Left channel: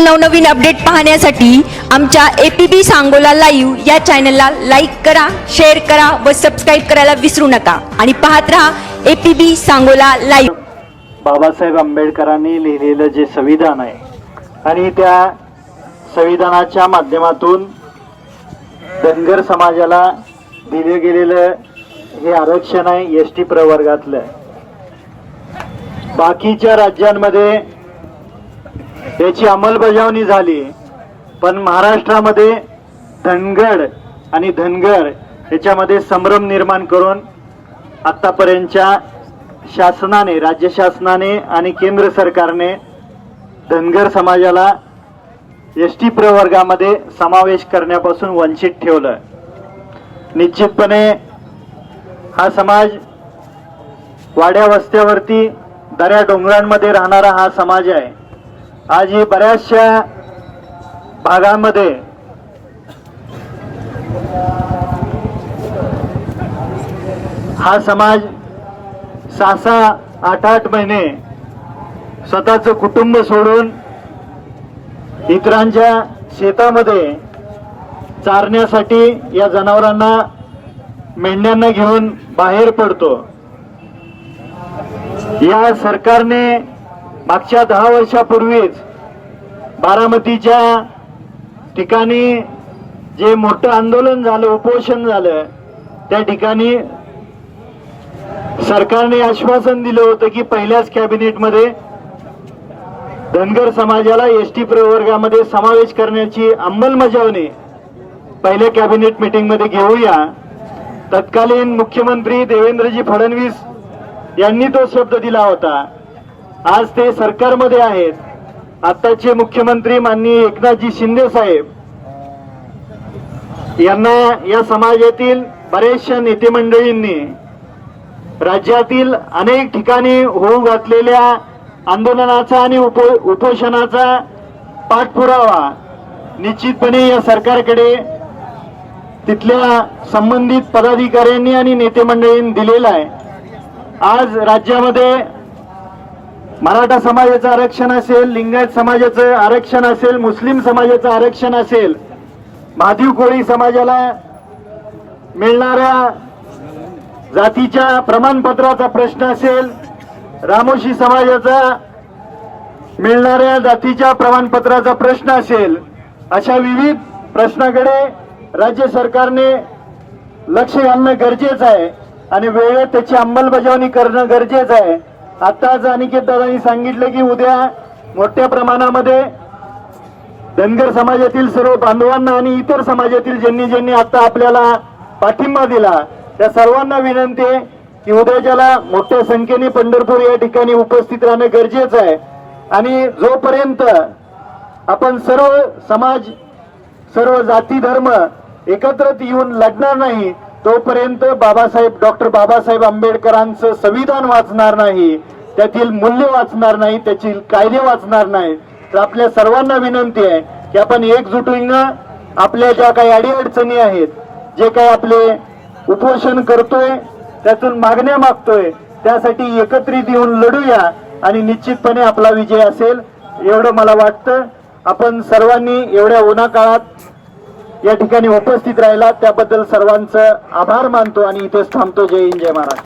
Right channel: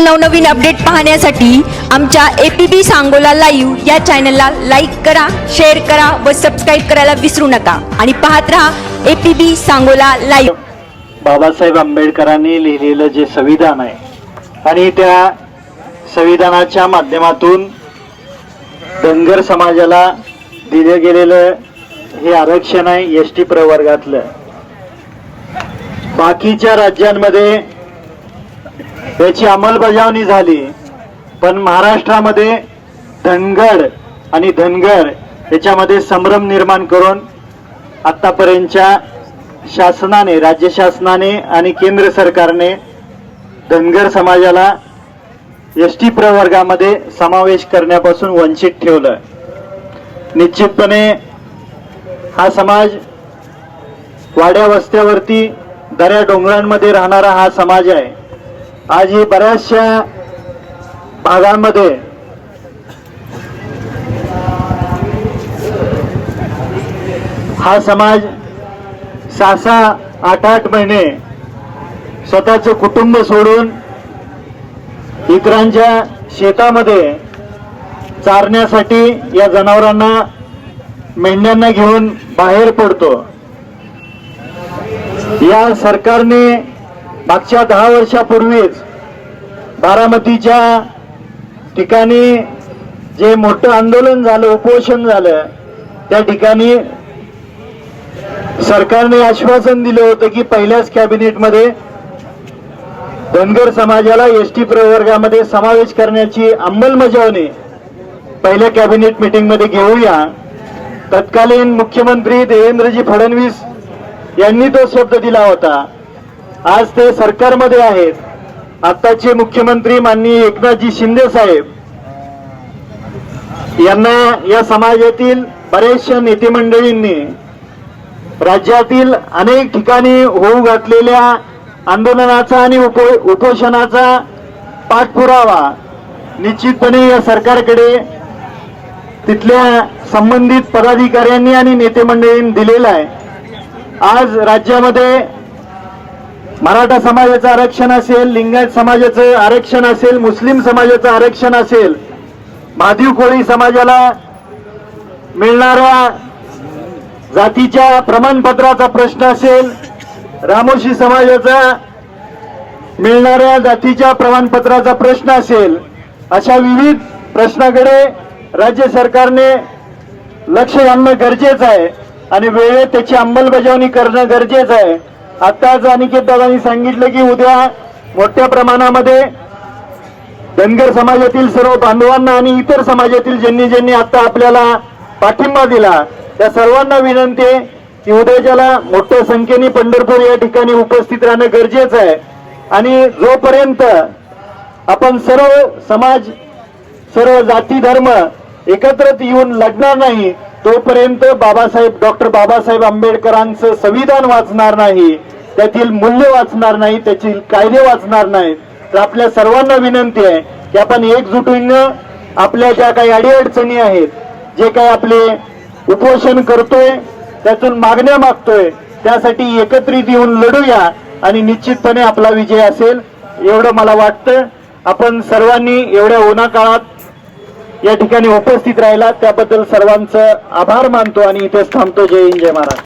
नवनवीन अपडेट पाहण्यासाठी आमच्या A P B Sangola live या चॅनलला लाईक करा शेअर करा व सबस्क्राईब करायला विसरू नका. आणि पाहत राहा A P B Sangola live Babasaheb आंबेडकरांनी लिहिलेलं जे संविधान आहे आणि त्या संविधानाच्या माध्यमातून धनगर समाजाला दिले गेलेलं हे आरक्षण आहे एस टी प्रवर्गातलं. बाकीच्या राज्यांमध्ये त्याची अंमलबजावणी झाली. पण महाराष्ट्रामध्ये धनगड आणि धनगर याच्यामध्ये संभ्रम निर्माण करून आत्तापर्यंतच्या शासनाने राज्य शासनाने आणि केंद्र सरकारने धनगर समाजाला एस टी प्रवर्गामध्ये समावेश करण्यापासून वंचित ठेवलं. निश्चितपणे हा समाज वाड्या वस्त्यावरती दऱ्या डोंगरांमध्ये राहणारा हा समाज आहे. आज ही बऱ्याचशा भागांमध्ये हा समाज सहा सहा आठ आठ महिने स्वतःचं कुटुंब सोडून इतरांच्या शेतामध्ये चारण्यासाठी या जनावरांना मेंढ्यांना घेऊन बाहेर पडतो. या सरकारने मागच्या दहा वर्षापूर्वीच बारामतीच्या ठिकाणी जे मोठं आंदोलन झालं उपोषण झालं त्या ठिकाणी सरकारने आश्वासन दिलं होतं की पहिल्याच कॅबिनेटमध्ये धनगर समाजाला एस टी प्रवर्गामध्ये समावेश करण्याची अंमलबजावणी पहिल्या कॅबिनेट मिटिंगमध्ये घेऊया. तत्कालीन मुख्यमंत्री देवेंद्रजी फडणवीस यांनी तो शब्द दिला होता. आज ते सरकारमध्ये आहेत. आताचे मुख्यमंत्री माननीय एकनाथजी शिंदे साहेब यांना या समाजातील बऱ्याचशा नेते मंडळींनी राज्यातील अनेक ठिकाणी होऊ घातलेल्या आंदोलनाचा आणि उपो उपोषणाचा पाठपुरावा निश्चितपणे या सरकारकडे तिथल्या संबंधित पदाधिकाऱ्यांनी आणि नेते मंडळींनी दिलेला आहे. आज राज्यामध्ये मराठा समाजाचं आरक्षण असेल लिंगायत समाजाचं आरक्षण असेल मुस्लिम समाजाचं आरक्षण असेल माधीव कोळी समाजाला मिळणाऱ्या जातीच्या प्रमाणपत्राचा प्रश्न असेल रामोशी समाजाचा मिळणाऱ्या जातीच्या प्रमाणपत्राचा प्रश्न असेल अशा विविध प्रश्नाकडे राज्य सरकारने लक्ष घालणं गरजेचं आहे आणि वेळेत त्याची अंमलबजावणी करणं गरजेचं आहे. आताच अनिकेत दादांनी सांगितलं की उद्या मोठ्या प्रमाणामध्ये धनगर समाजातील सर्व बांधवांना आणि इतर समाजातील ज्यांनी ज्यांनी आता आपल्याला पाठिंबा दिला त्या सर्वांना विनंती आहे की उद्याच्याला मोठ्या संख्येने पंढरपूर या ठिकाणी उपस्थित राहणं गरजेचं आहे. आणि जोपर्यंत आपण सर्व समाज सर्व जाती धर्म एकत्रित येऊन लढणार नाही तोपर्यंत बाबासाहेब डॉक्टर बाबासाहेब आंबेडकरांचं संविधान वाचणार नाही त्यातील मूल्य वाचणार नाही त्यातील कायदे वाचणार नाही. तर आपल्या सर्वांना विनंती आहे की आपण एकजुटीनं आपल्या ज्या काही अडीअडचणी आहेत जे काही आपले उपोषण करतोय त्यातून मागण्या मागतोय त्यासाठी एकत्रित येऊन लढूया आणि निश्चितपणे आपला विजय असेल एवढं मला वाटतं. आपण सर्वांनी एवढ्या उन्हाकाळात या ठिकाणी उपस्थित राहिला त्याबद्दल सर्वांचं आभार मानतो आणि इथेच थांबतो. जय हिंद जय महाराज